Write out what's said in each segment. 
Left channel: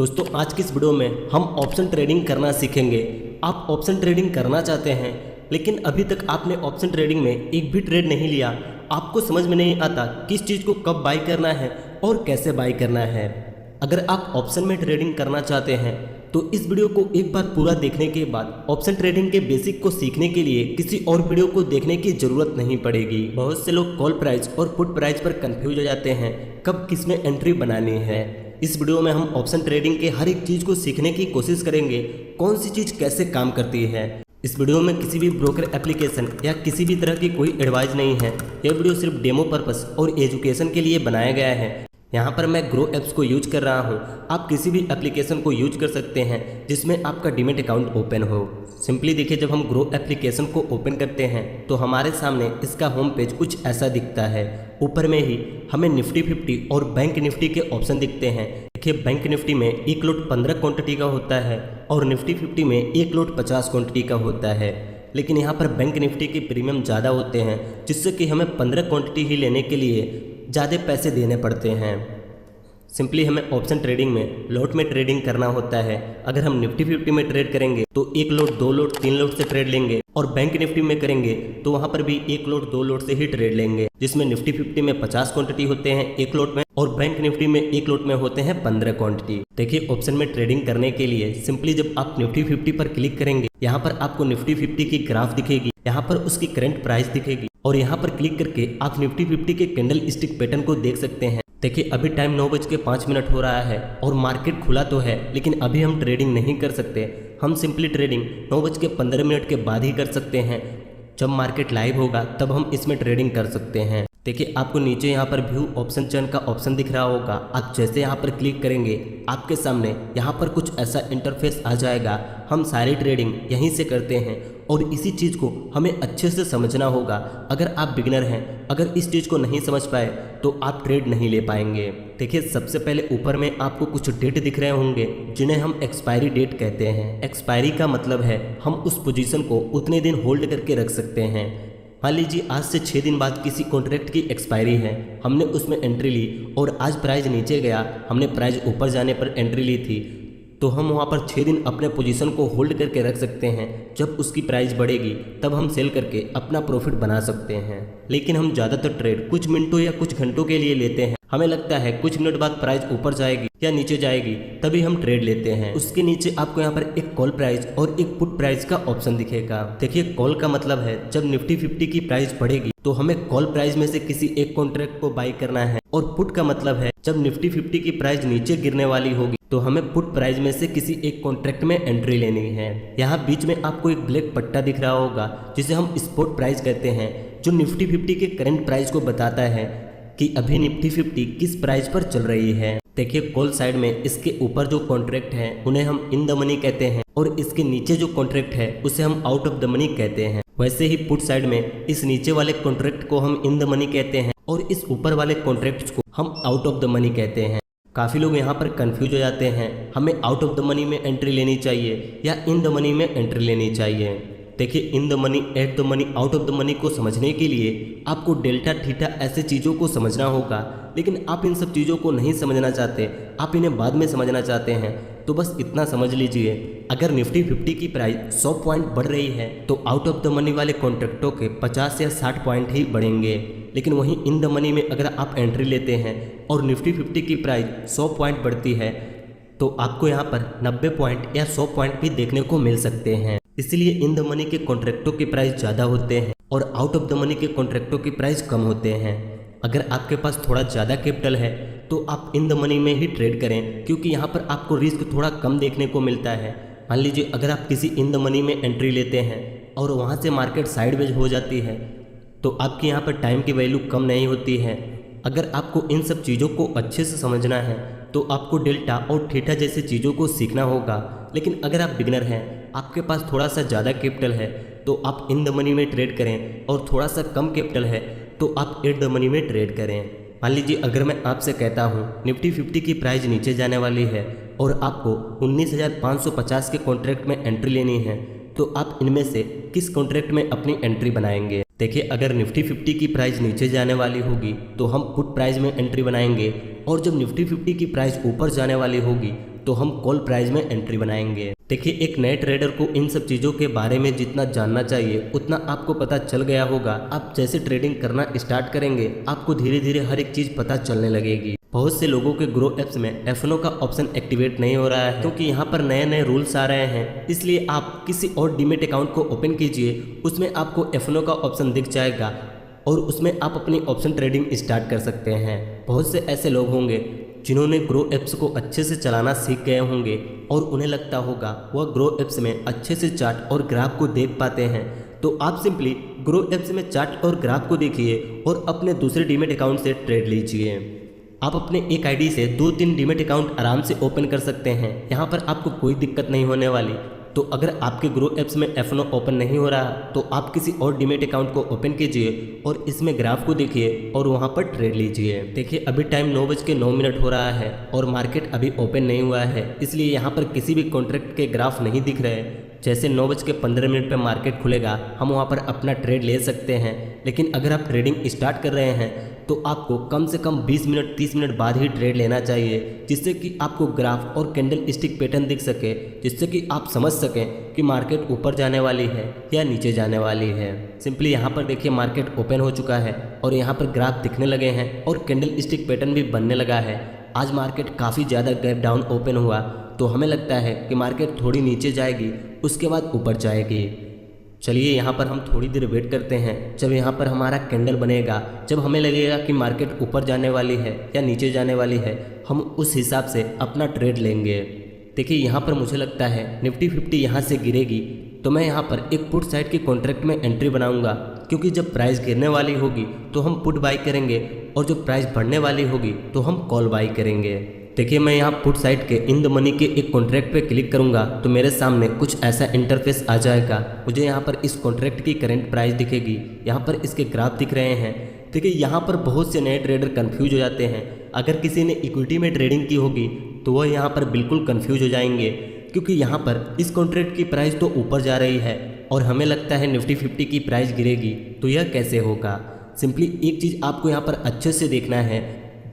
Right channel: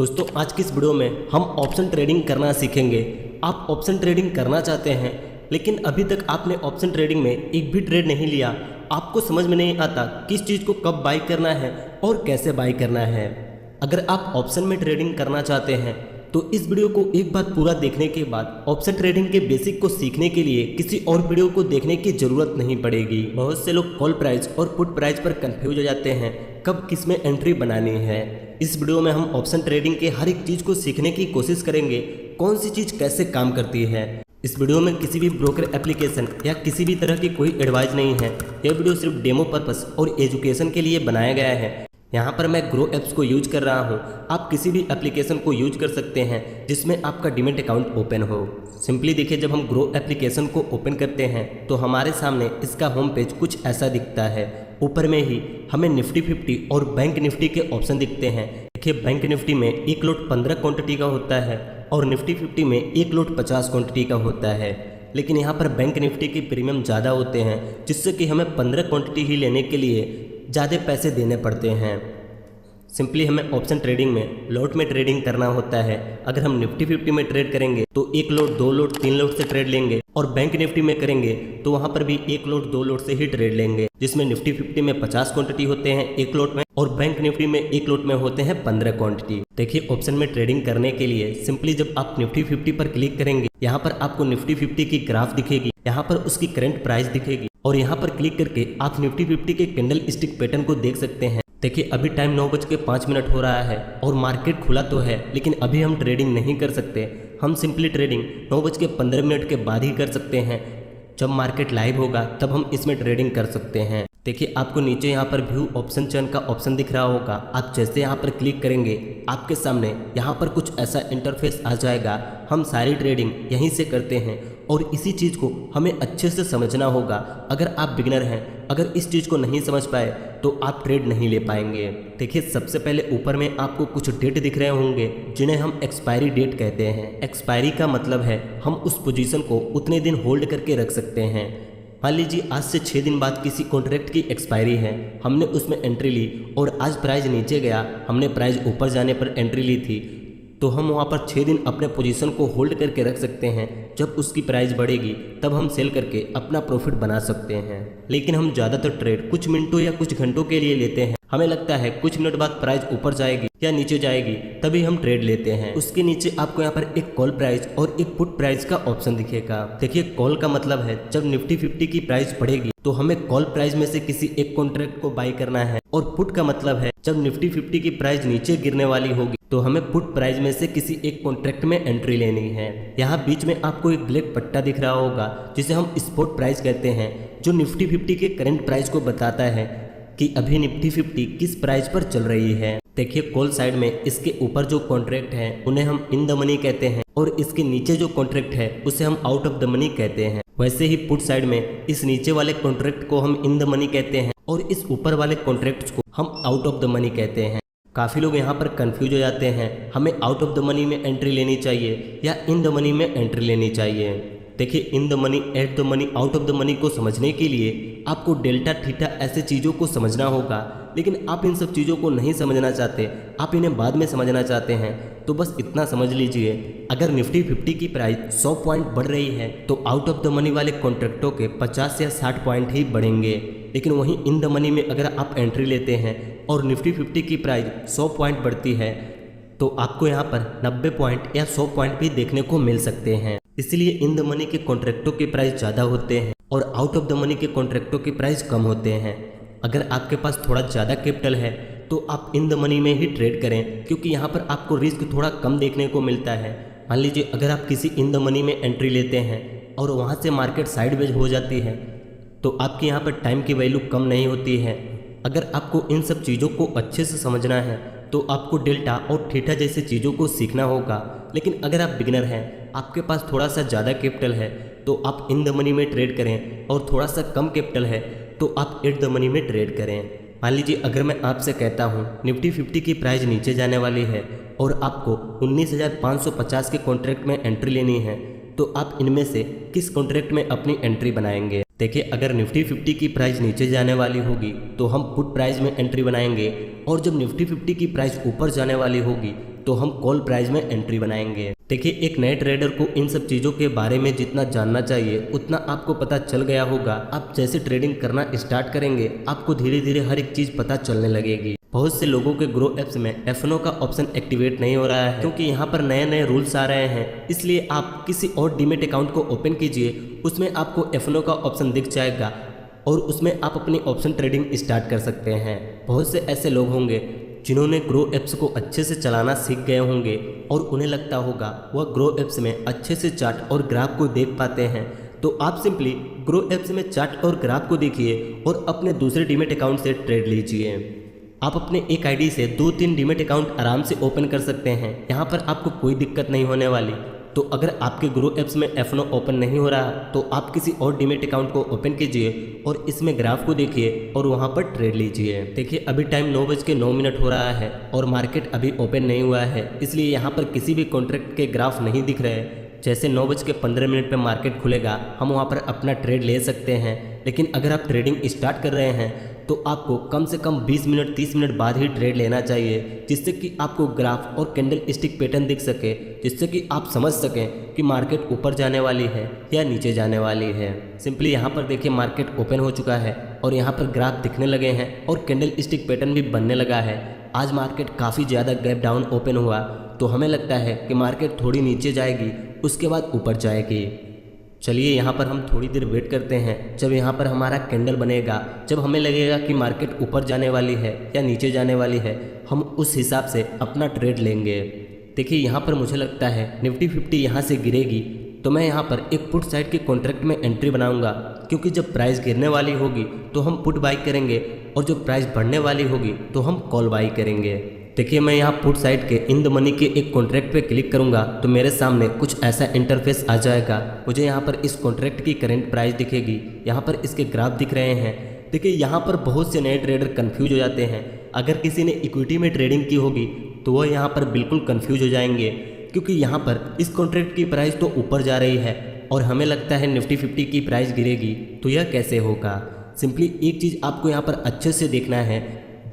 दोस्तों आज की इस वीडियो में हम ऑप्शन ट्रेडिंग करना सीखेंगे। आप ऑप्शन ट्रेडिंग करना चाहते हैं लेकिन अभी तक आपने ऑप्शन ट्रेडिंग में एक भी ट्रेड नहीं लिया, आपको समझ में नहीं आता किस चीज़ को कब बाई करना है और कैसे बाई करना है। अगर आप ऑप्शन में ट्रेडिंग करना चाहते हैं तो इस वीडियो को एक बार पूरा देखने के बाद ऑप्शन ट्रेडिंग के बेसिक को सीखने के लिए किसी और वीडियो को देखने की जरूरत नहीं पड़ेगी। बहुत से लोग कॉल प्राइस और पुट प्राइस पर कंफ्यूज हो जाते हैं कब किस में एंट्री बनानी है। इस वीडियो में हम ऑप्शन ट्रेडिंग के हर एक चीज़ को सीखने की कोशिश करेंगे, कौन सी चीज़ कैसे काम करती है। इस वीडियो में किसी भी ब्रोकर एप्लीकेशन या किसी भी तरह की कोई एडवाइस नहीं है। यह वीडियो सिर्फ डेमो पर्पस और एजुकेशन के लिए बनाया गया है। यहाँ पर मैं ग्रो एप्स को यूज कर रहा हूँ, आप किसी भी एप्लीकेशन को यूज कर सकते हैं जिसमें आपका डीमैट अकाउंट ओपन हो। सिंपली देखिए, जब हम ग्रो एप्लीकेशन को ओपन करते हैं तो हमारे सामने इसका होम पेज कुछ ऐसा दिखता है। ऊपर में ही हमें निफ्टी 50 और बैंक निफ्टी के ऑप्शन दिखते हैं। देखिए, बैंक निफ्टी में एक लोट 15 क्वांटिटी का होता है और निफ्टी 50 में एक लोट 50 क्वांटिटी का होता है। लेकिन यहाँ पर बैंक निफ्टी के प्रीमियम ज़्यादा होते हैं, जिससे कि हमें 15 क्वांटिटी ही लेने के लिए ज़्यादा पैसे देने पड़ते हैं। सिंपली हमें ऑप्शन ट्रेडिंग में लोट में ट्रेडिंग करना होता है। अगर हम निफ्टी 50 में ट्रेड करेंगे तो एक लोट, दो लोट, तीन लोट से ट्रेड लेंगे और बैंक निफ्टी में करेंगे तो वहां पर भी एक लोट, दो लोट से ही ट्रेड लेंगे, जिसमें निफ्टी 50 में 50 क्वांटिटी होते हैं एक लोट में और बैंक निफ्टी में एक लोट में होते हैं 15 क्वांटिटी। देखिए, ऑप्शन में ट्रेडिंग करने के लिए सिंपली जब आप निफ्टी 50 पर क्लिक करेंगे, यहाँ पर आपको निफ्टी 50 की ग्राफ दिखेगी, यहाँ पर उसकी करंट प्राइस दिखेगी और यहाँ पर क्लिक करके आप निफ्टी 50 के कैंडल स्टिक पैटर्न को देख सकते हैं। देखिए, अभी टाइम 9:05 हो रहा है और मार्केट खुला तो है, लेकिन अभी हम ट्रेडिंग नहीं कर सकते। हम सिंपली ट्रेडिंग 9:15 के बाद ही कर सकते हैं। जब मार्केट लाइव होगा तब हम इसमें ट्रेडिंग कर सकते हैं। देखिए, आपको नीचे यहाँ पर व्यू ऑप्शन चेन का ऑप्शन दिख रहा होगा। आप जैसे यहाँ पर क्लिक करेंगे आपके सामने यहाँ पर कुछ ऐसा इंटरफेस आ जाएगा। हम सारी ट्रेडिंग यहीं से करते हैं और इसी चीज़ को हमें अच्छे से समझना होगा। अगर आप बिगिनर हैं, अगर इस चीज़ को नहीं समझ पाए तो आप ट्रेड नहीं ले पाएंगे। देखिए, सबसे पहले ऊपर में आपको कुछ डेट दिख रहे होंगे जिन्हें हम एक्सपायरी डेट कहते हैं। एक्सपायरी का मतलब है हम उस पोजीशन को उतने दिन होल्ड करके रख सकते हैं। मान लीजिए आज से 6 दिन बाद किसी कॉन्ट्रैक्ट की एक्सपायरी है, हमने उसमें एंट्री ली और आज प्राइस नीचे गया, हमने प्राइस ऊपर जाने पर एंट्री ली थी, तो हम वहाँ पर 6 दिन अपने पोजीशन को होल्ड करके रख सकते हैं। जब उसकी प्राइस बढ़ेगी तब हम सेल करके अपना प्रॉफिट बना सकते हैं। लेकिन हम ज़्यादातर ट्रेड कुछ मिनटों या कुछ घंटों के लिए लेते हैं। हमें लगता है कुछ मिनट बाद प्राइस ऊपर जाएगी या नीचे जाएगी, तभी हम ट्रेड लेते हैं। उसके नीचे आपको यहाँ पर एक कॉल प्राइस और एक पुट प्राइस का ऑप्शन दिखेगा। देखिए, कॉल का मतलब है जब निफ्टी 50 की प्राइस बढ़ेगी तो हमें कॉल प्राइस में से किसी एक कॉन्ट्रैक्ट को बाई करना है, और पुट का मतलब है जब निफ्टी 50 की प्राइस नीचे गिरने वाली होगी तो हमें पुट प्राइस में से किसी एक कॉन्ट्रैक्ट में एंट्री लेनी है। यहाँ बीच में आपको एक ब्लैक पट्टा दिख रहा होगा जिसे हम स्पॉट प्राइस कहते हैं, जो निफ्टी 50 के करंट प्राइस को बताता है कि अभी निफ्टी 50 किस प्राइस पर चल रही है। देखिए, कॉल साइड में इसके ऊपर जो कॉन्ट्रैक्ट है उन्हें हम इन द मनी कहते हैं और इसके नीचे जो कॉन्ट्रैक्ट है उसे हम आउट ऑफ द मनी कहते हैं। वैसे ही पुट साइड में इस नीचे वाले कॉन्ट्रैक्ट को हम इन द मनी कहते हैं और इस ऊपर वाले कॉन्ट्रैक्ट्स को हम आउट ऑफ द मनी कहते हैं। काफ़ी लोग यहाँ पर कंफ्यूज हो जाते हैं, हमें आउट ऑफ द मनी में एंट्री लेनी चाहिए या इन द मनी में एंट्री लेनी चाहिए। देखिए, in the money, at the money, out of the money को समझने के लिए आपको डेल्टा, थीटा ऐसी चीज़ों को समझना होगा। लेकिन आप इन सब चीज़ों को नहीं समझना चाहते, आप इन्हें बाद में समझना चाहते हैं, तो बस इतना समझ लीजिए, अगर निफ्टी 50 की प्राइस 100 पॉइंट बढ़ रही है तो आउट ऑफ द मनी वाले कॉन्ट्रैक्टों के 50 या 60 पॉइंट ही बढ़ेंगे। लेकिन वहीं इन द मनी में अगर आप एंट्री लेते हैं और निफ्टी 50 की प्राइस 100 पॉइंट बढ़ती है तो आपको यहाँ पर 90 पॉइंट या 100 पॉइंट भी देखने को मिल सकते हैं। इसलिए इन द मनी के कॉन्ट्रैक्टों की प्राइस ज़्यादा होते हैं और आउट ऑफ द मनी के कॉन्ट्रैक्टों की प्राइस कम होते हैं। अगर आपके पास थोड़ा ज़्यादा कैपिटल है तो आप इन द मनी में ही ट्रेड करें, क्योंकि यहाँ पर आपको रिस्क थोड़ा कम देखने को मिलता है। मान लीजिए अगर आप किसी इन द मनी में एंट्री लेते हैं और वहाँ से मार्केट साइडवेज हो जाती है तो आपकी यहाँ पर टाइम की वैल्यू कम नहीं होती है। अगर आपको इन सब चीज़ों को अच्छे से समझना है तो आपको डेल्टा और थीटा जैसे चीज़ों को सीखना होगा। लेकिन अगर आप बिगिनर हैं, आपके पास थोड़ा सा ज़्यादा कैपिटल है तो आप इन द मनी में ट्रेड करें और थोड़ा सा कम कैपिटल है तो आप एट द मनी में ट्रेड करें। मान लीजिए अगर मैं आपसे कहता हूँ निफ्टी 50 की प्राइस नीचे जाने वाली है और आपको 19,550 के कॉन्ट्रैक्ट में एंट्री लेनी है, तो आप इनमें से किस कॉन्ट्रैक्ट में अपनी एंट्री बनाएंगे। देखिए, अगर निफ्टी 50 की प्राइस नीचे जाने वाली होगी तो हम पुट प्राइस में एंट्री बनाएंगे और जब निफ्टी 50 की प्राइस ऊपर जाने वाली होगी तो हम कॉल प्राइस में एंट्री बनाएंगे। देखिए, एक नए ट्रेडर को इन सब चीज़ों के बारे में जितना जानना चाहिए उतना आपको पता चल गया होगा। आप जैसे ट्रेडिंग करना स्टार्ट करेंगे आपको धीरे धीरे हर एक चीज़ पता चलने लगेगी। बहुत से लोगों के ग्रो एप्स में F&O का ऑप्शन एक्टिवेट नहीं हो रहा है क्योंकि यहाँ पर नए नए रूल्स आ रहे हैं। इसलिए आप किसी और डीमेट अकाउंट को ओपन कीजिए, उसमें आपको F&O का ऑप्शन दिख जाएगा और उसमें आप अपनी ऑप्शन ट्रेडिंग स्टार्ट कर सकते हैं। बहुत से ऐसे लोग होंगे जिन्होंने ग्रो एप्स को अच्छे से चलाना सीख गए होंगे और उन्हें लगता होगा वह ग्रो एप्स में अच्छे से चार्ट और ग्राफ को देख पाते हैं। तो आप सिंपली ग्रो एप्स में चार्ट और ग्राफ को देखिए और अपने दूसरे डीमेट अकाउंट से ट्रेड लीजिए। आप अपने एक आईडी से 2-3 डीमेट अकाउंट आराम से ओपन कर सकते हैं। यहाँ पर आपको कोई दिक्कत नहीं होने वाली। तो अगर आपके ग्रो एप्स में F&O ओपन नहीं हो रहा तो आप किसी और डीमेट अकाउंट को ओपन कीजिए और इसमें ग्राफ को देखिए और वहाँ पर ट्रेड लीजिए। देखिए, अभी टाइम 9:09 हो रहा है और मार्केट अभी ओपन नहीं हुआ है, इसलिए यहाँ पर किसी भी कॉन्ट्रैक्ट के ग्राफ नहीं दिख रहे। जैसे 9:15 पे मार्केट खुलेगा हम वहाँ पर अपना ट्रेड ले सकते हैं। लेकिन अगर आप ट्रेडिंग स्टार्ट कर रहे हैं तो आपको कम से कम 20 मिनट 30 मिनट बाद ही ट्रेड लेना चाहिए, जिससे कि आपको ग्राफ और कैंडल स्टिक पैटर्न दिख सके, जिससे कि आप समझ सकें कि मार्केट ऊपर जाने वाली है या नीचे जाने वाली है। सिंपली यहाँ पर देखिए मार्केट ओपन हो चुका है और यहाँ पर ग्राफ दिखने लगे हैं और कैंडल स्टिक पैटर्न भी बनने लगा है। आज मार्केट काफ़ी ज़्यादा गैप डाउन ओपन हुआ तो हमें लगता है कि मार्केट थोड़ी नीचे जाएगी, उसके बाद ऊपर जाएगी। चलिए यहाँ पर हम थोड़ी देर वेट करते हैं। जब यहाँ पर हमारा कैंडल बनेगा, जब हमें लगेगा कि मार्केट ऊपर जाने वाली है या नीचे जाने वाली है, हम उस हिसाब से अपना ट्रेड लेंगे। देखिए, यहाँ पर मुझे लगता है निफ्टी 50 यहाँ से गिरेगी तो मैं यहाँ पर एक पुट साइड के कॉन्ट्रैक्ट में एंट्री बनाऊंगा, क्योंकि जब प्राइस गिरने वाली होगी तो हम पुट बाई करेंगे और जब प्राइस बढ़ने वाली होगी तो हम कॉल बाई करेंगे। देखिए, मैं यहाँ पुट साइड के इन द मनी के एक कॉन्ट्रैक्ट पे क्लिक करूंगा तो मेरे सामने कुछ ऐसा इंटरफेस आ जाएगा। मुझे यहाँ पर इस कॉन्ट्रैक्ट की करंट प्राइस दिखेगी, यहाँ पर इसके ग्राफ दिख रहे हैं। देखिए, यहाँ पर बहुत से नए ट्रेडर कंफ्यूज हो जाते हैं। अगर किसी ने इक्विटी में ट्रेडिंग की होगी तो वह यहाँ पर बिल्कुल कंफ्यूज हो जाएंगे, क्योंकि यहाँ पर इस कॉन्ट्रैक्ट की प्राइस तो ऊपर जा रही है और हमें लगता है निफ्टी 50 की प्राइस गिरेगी, तो यह कैसे होगा। सिंपली एक चीज़ आपको यहाँ पर अच्छे से देखना है,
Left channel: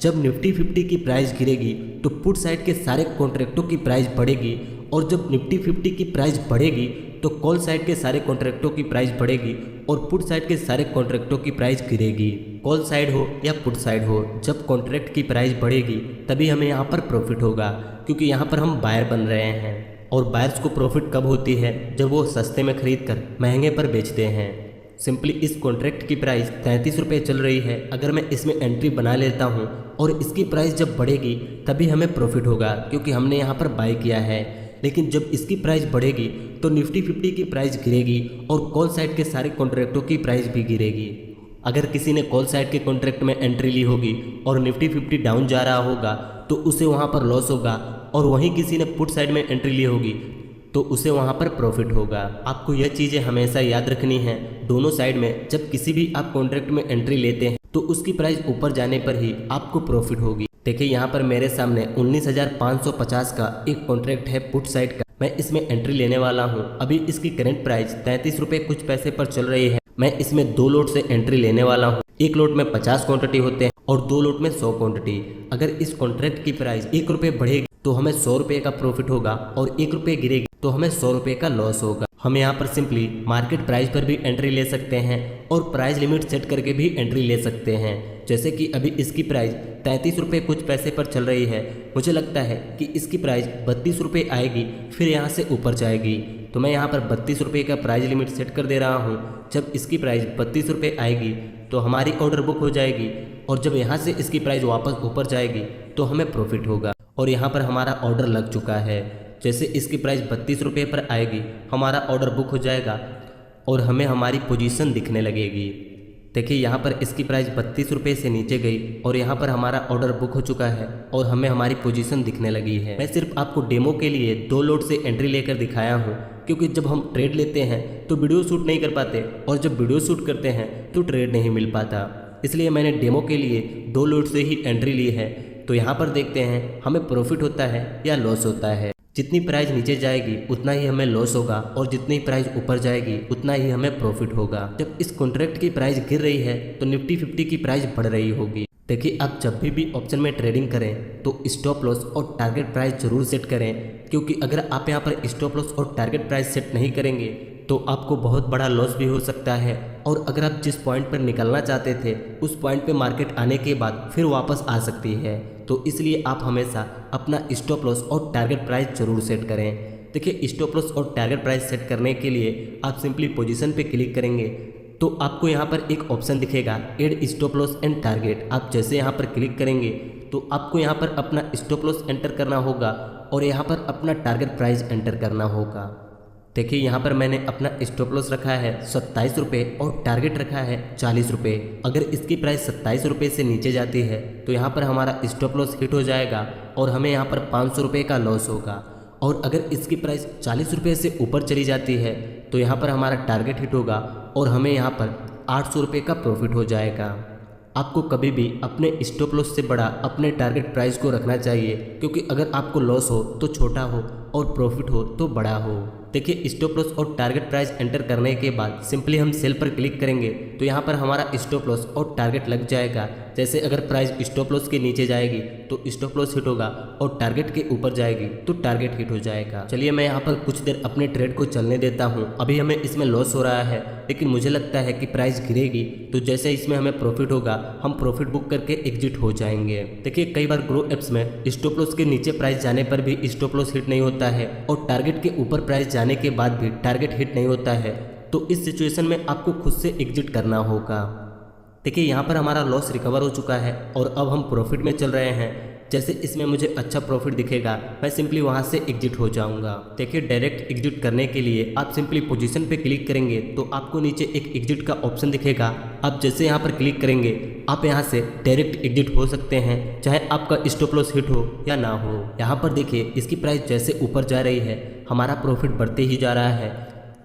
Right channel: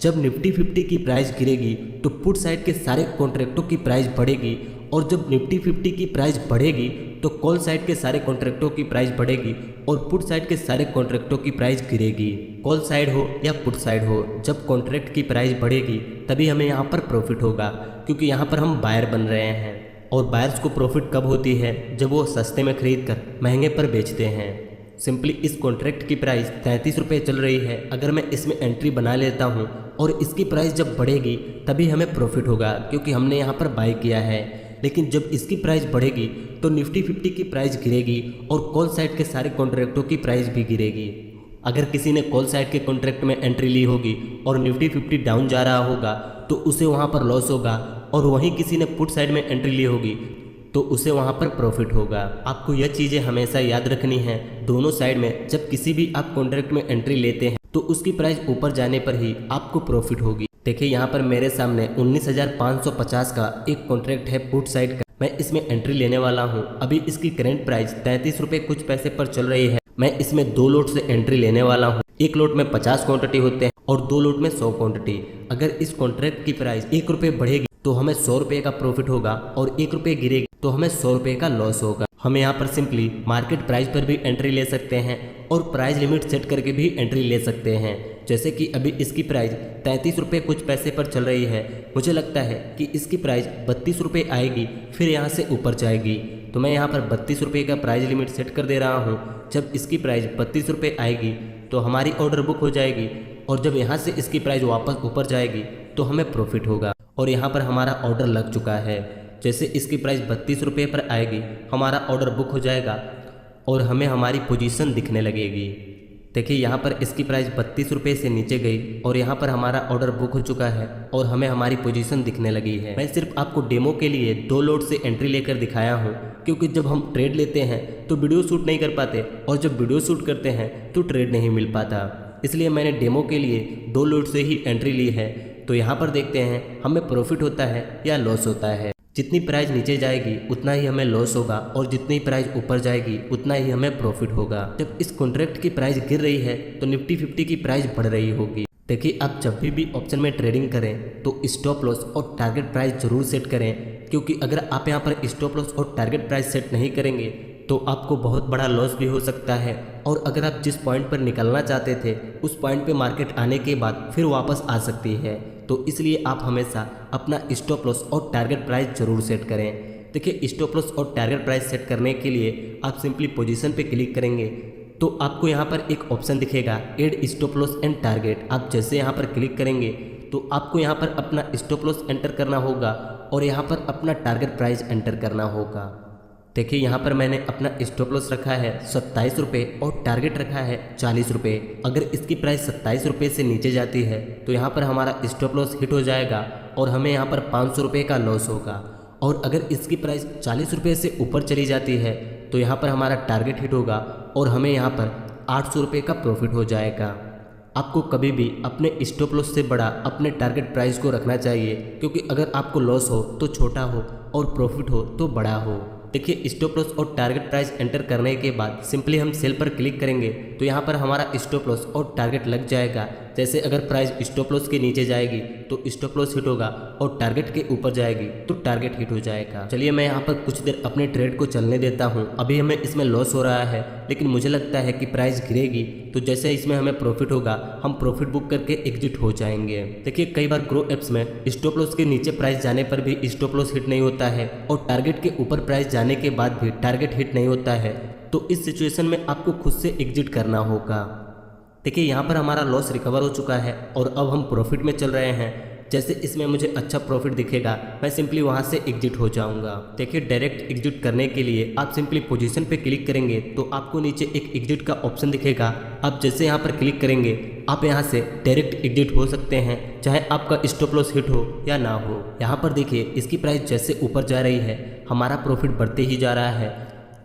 जब निफ्टी 50 की प्राइस गिरेगी तो पुट साइड के सारे कॉन्ट्रैक्टों की प्राइस बढ़ेगी और जब निफ्टी 50 की प्राइस बढ़ेगी तो कॉल साइड के सारे कॉन्ट्रैक्टों की प्राइस बढ़ेगी और पुट साइड के सारे कॉन्ट्रैक्टों की प्राइस गिरेगी। कॉल साइड हो या पुट साइड हो, जब कॉन्ट्रैक्ट की प्राइस बढ़ेगी तभी हमें यहाँ पर प्रॉफिट होगा, क्योंकि यहाँ पर हम बायर बन रहे हैं। और बायर्स को प्रॉफिट कब होती है, जब वो सस्ते में खरीद कर महंगे पर बेचते हैं। सिंपली इस कॉन्ट्रैक्ट की प्राइस 33 रुपये चल रही है। अगर मैं इसमें एंट्री बना लेता हूँ और इसकी प्राइस जब बढ़ेगी तभी हमें प्रॉफिट होगा, क्योंकि हमने यहाँ पर बाय किया है। लेकिन जब इसकी प्राइस बढ़ेगी तो निफ्टी 50 की प्राइस गिरेगी और कॉल साइड के सारे कॉन्ट्रैक्टों की प्राइस भी गिरेगी। अगर किसी ने कॉल साइड के कॉन्ट्रैक्ट में एंट्री ली होगी और निफ्टी 50 डाउन जा रहा होगा तो उसे वहाँ पर लॉस होगा, और वहीं किसी ने पुट साइड में एंट्री ली होगी तो उसे वहाँ पर प्रॉफिट होगा। आपको यह चीज़ें हमेशा याद रखनी है। दोनों साइड में जब किसी भी आप कॉन्ट्रैक्ट में एंट्री लेते हैं तो उसकी प्राइस ऊपर जाने पर ही आपको प्रॉफिट होगी। देखिए, यहाँ पर मेरे सामने 19,550 का एक कॉन्ट्रैक्ट है पुट साइड का। मैं इसमें एंट्री लेने वाला हूँ। अभी इसकी करंट प्राइस 33 रुपये कुछ पैसे पर चल रही है। मैं इसमें 2 लोट से एंट्री लेने वाला हूँ। एक लोट में 50 क्वांटिटी होते हैं और 2 लोट में 100 क्वांटिटी। अगर इस कॉन्ट्रैक्ट की प्राइस 1 रुपये बढ़ेगी तो हमें 100 रुपये का प्रॉफिट होगा और 1 रुपये गिरेगी तो हमें 100 रुपये का लॉस होगा। हम यहाँ पर सिंपली मार्केट प्राइस पर भी एंट्री ले सकते हैं और प्राइस लिमिट सेट करके भी एंट्री ले सकते हैं। जैसे कि अभी इसकी प्राइस 33 रुपये कुछ पैसे पर चल रही है। मुझे लगता है कि इसकी प्राइस 32 रुपये आएगी, फिर यहाँ से ऊपर जाएगी। तो मैं यहाँ पर 32 रुपये का प्राइस लिमिट सेट कर दे रहा हूँ। जब इसकी प्राइस 32 रुपये आएगी तो हमारी ऑर्डर बुक हो जाएगी और जब यहाँ से इसकी प्राइस वापस ऊपर जाएगी तो हमें प्रॉफिट होगा। और यहाँ पर हमारा ऑर्डर लग चुका है। जैसे इसकी प्राइस 32 रुपये पर आएगी हमारा ऑर्डर बुक हो जाएगा और हमें हमारी पोजीशन दिखने लगेगी। देखिए, यहाँ पर इसकी प्राइस 32 रुपये से नीचे गई और यहाँ पर हमारा ऑर्डर बुक हो चुका है और हमें हमारी पोजीशन दिखने लगी है। मैं सिर्फ आपको डेमो के लिए 2 लोट से एंट्री लेकर दिखाया हूँ, क्योंकि जब हम ट्रेड लेते हैं तो वीडियो शूट नहीं कर पाते और जब वीडियो शूट करते हैं तो ट्रेड नहीं मिल पाता। इसलिए मैंने डेमो के लिए 2 लोट से ही एंट्री ली है। तो यहाँ पर देखते हैं हमें प्रॉफिट होता है या लॉस होता है। जितनी प्राइस नीचे जाएगी उतना ही हमें लॉस होगा और जितनी प्राइस ऊपर जाएगी उतना ही हमें प्रॉफिट होगा। जब इस कॉन्ट्रैक्ट की प्राइस गिर रही है तो निफ्टी 50 की प्राइस बढ़ रही होगी। देखिए, आप जब भी ऑप्शन में ट्रेडिंग करें तो स्टॉप लॉस और टारगेट प्राइस जरूर सेट करें, क्योंकि अगर आप यहाँ पर स्टॉप लॉस और टारगेट प्राइस सेट नहीं करेंगे तो आपको बहुत बड़ा लॉस भी हो सकता है। और अगर आप जिस पॉइंट पर निकलना चाहते थे उस पॉइंट पे मार्केट आने के बाद फिर वापस आ सकती है। तो इसलिए आप हमेशा अपना स्टॉप लॉस और टारगेट प्राइस जरूर सेट करें। देखिए, स्टॉप लॉस और टारगेट प्राइस सेट करने के लिए आप सिंपली पोजीशन पे क्लिक करेंगे तो आपको यहाँ पर एक ऑप्शन दिखेगा add stop loss and target. आप जैसे यहाँ पर क्लिक करेंगे तो आपको यहाँ पर अपना स्टॉप लॉस एंटर करना होगा और यहाँ पर अपना टारगेट प्राइस एंटर करना होगा। देखिए, यहाँ पर मैंने अपना स्टॉप लॉस रखा है 27 रुपये और टारगेट रखा है 40 रुपये। अगर इसकी प्राइस 27 रुपये से नीचे जाती है तो यहाँ पर हमारा स्टॉप लॉस हिट हो जाएगा और हमें यहाँ पर 500 रुपये का लॉस होगा। और अगर इसकी प्राइस 40 रुपये से ऊपर चली जाती है तो यहाँ पर हमारा टारगेट हिट होगा और हमें यहाँ पर 800 रुपये का प्रॉफिट हो जाएगा। आपको कभी भी अपने स्टॉप लॉस से बड़ा अपने टारगेट प्राइस को रखना चाहिए, क्योंकि अगर आपको लॉस हो तो छोटा हो और प्रॉफिट हो तो बड़ा हो। देखिए, स्टॉप लॉस और टारगेट प्राइस एंटर करने के बाद सिंपली हम सेल पर क्लिक करेंगे तो यहाँ पर हमारा स्टॉप लॉस और टारगेट लग जाएगा। जैसे अगर प्राइस स्टॉप लॉस के नीचे जाएगी तो स्टॉप लॉस हिट होगा और टारगेट के ऊपर जाएगी तो टारगेट हिट हो जाएगा। चलिए, मैं यहाँ पर कुछ देर अपने ट्रेड को चलने देता हूँ। अभी हमें इसमें लॉस हो रहा है, लेकिन मुझे लगता है कि प्राइस गिरेगी तो जैसे इसमें हमें प्रॉफिट होगा हम प्रॉफिट बुक करके एग्जिट हो जाएंगे। देखिए, कई बार ग्रो एप्स में स्टॉप लॉस के नीचे प्राइस जाने पर भी स्टॉप लॉस हिट नहीं होता है और टारगेट के ऊपर प्राइस जाने के बाद भी टारगेट हिट नहीं होता है। तो इस सिचुएशन में आपको खुद से एग्जिट करना होगा। देखिए, यहाँ पर हमारा लॉस रिकवर हो चुका है और अब हम प्रॉफिट में चल रहे हैं। जैसे इसमें मुझे अच्छा प्रॉफिट दिखेगा मैं सिंपली वहाँ से एग्जिट हो जाऊँगा। देखिए, डायरेक्ट एग्जिट करने के लिए आप सिंपली पोजीशन पे क्लिक करेंगे तो आपको नीचे एक एग्जिट का ऑप्शन दिखेगा। आप जैसे यहाँ पर क्लिक करेंगे आप यहाँ से डायरेक्ट एग्जिट हो सकते हैं, चाहे आपका स्टॉप लॉस हिट हो या ना हो। यहाँ पर देखिए, इसकी प्राइस जैसे ऊपर जा रही है हमारा प्रॉफिट बढ़ते ही जा रहा है।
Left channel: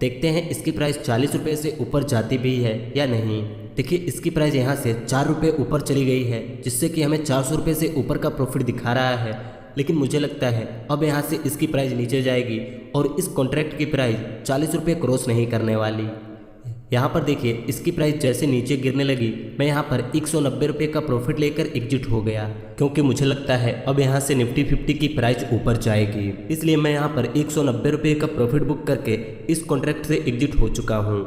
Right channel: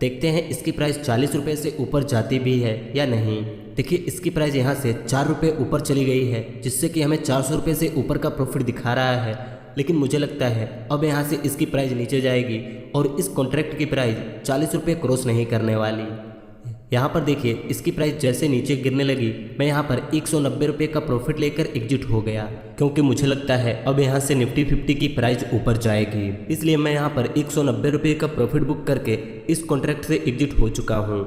देखते हैं इसकी प्राइस 40 रुपये से ऊपर जाती भी है या नहीं। देखिए, इसकी प्राइस यहाँ से 4 रुपये ऊपर चली गई है, जिससे कि हमें 400 रुपये से ऊपर का प्रॉफिट दिखा रहा है। लेकिन मुझे लगता है अब यहाँ से इसकी प्राइस नीचे जाएगी और इस कॉन्ट्रैक्ट की प्राइस 40 रुपये क्रॉस नहीं करने वाली। यहाँ पर देखिए, इसकी प्राइस जैसे नीचे गिरने लगी मैं यहाँ पर 190 रुपये का प्रॉफिट लेकर एग्जिट हो गया, क्योंकि मुझे लगता है अब यहाँ से निफ्टी 50 की प्राइस ऊपर जाएगी। इसलिए मैं यहाँ पर 190 रुपये का प्रॉफिट बुक करके इस कॉन्ट्रैक्ट से एग्जिट हो चुका हूँ।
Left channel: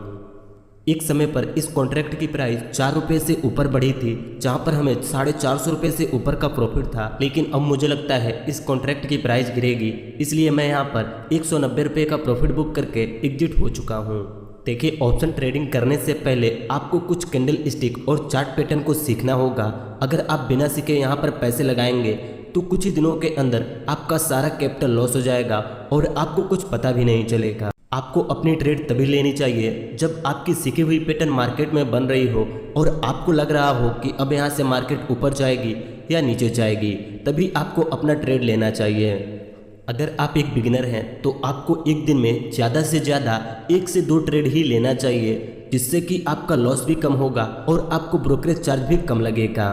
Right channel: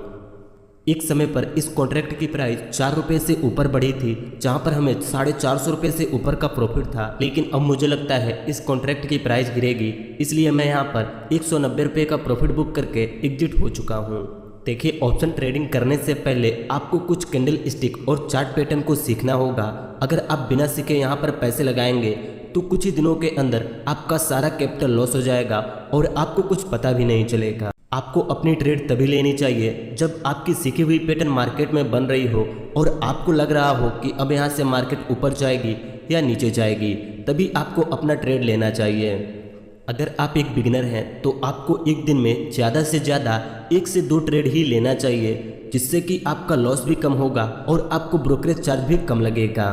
एक समय पर इस कॉन्ट्रैक्ट की प्राइस 4 रुपये से ऊपर बढ़ी थी, जहाँ पर हमें 450 रुपये से ऊपर का प्रॉफिट था। लेकिन अब मुझे लगता है इस कॉन्ट्रैक्ट की प्राइस गिरेगी, इसलिए मैं यहाँ पर 190 रुपये का प्रॉफिट बुक करके एग्जिट हो चुका हूँ। देखिए, ऑप्शन ट्रेडिंग करने से पहले आपको कुछ कैंडल स्टिक और चार्ट पैटर्न को सीखना होगा। अगर आप बिना सीखे यहाँ पर पैसे लगाएंगे तो कुछ ही दिनों के अंदर आपका सारा कैपिटल लॉस हो जाएगा और आपको कुछ पता भी नहीं चलेगा। आपको अपनी ट्रेड तभी लेनी चाहिए जब आपकी सीखी हुई पैटर्न मार्केट में बन रही हो और आपको लग रहा हो कि अब यहाँ से मार्केट ऊपर जाएगी या नीचे जाएगी, तभी आपको अपना ट्रेड लेना चाहिए। अगर आप एक बिगिनर हैं तो आपको एक दिन में ज़्यादा से ज़्यादा 1 से 2 ट्रेड ही लेना चाहिए, जिससे कि आपका लॉस भी कम होगा और आपको ब्रोकरेज चार्ज भी कम लगेगा।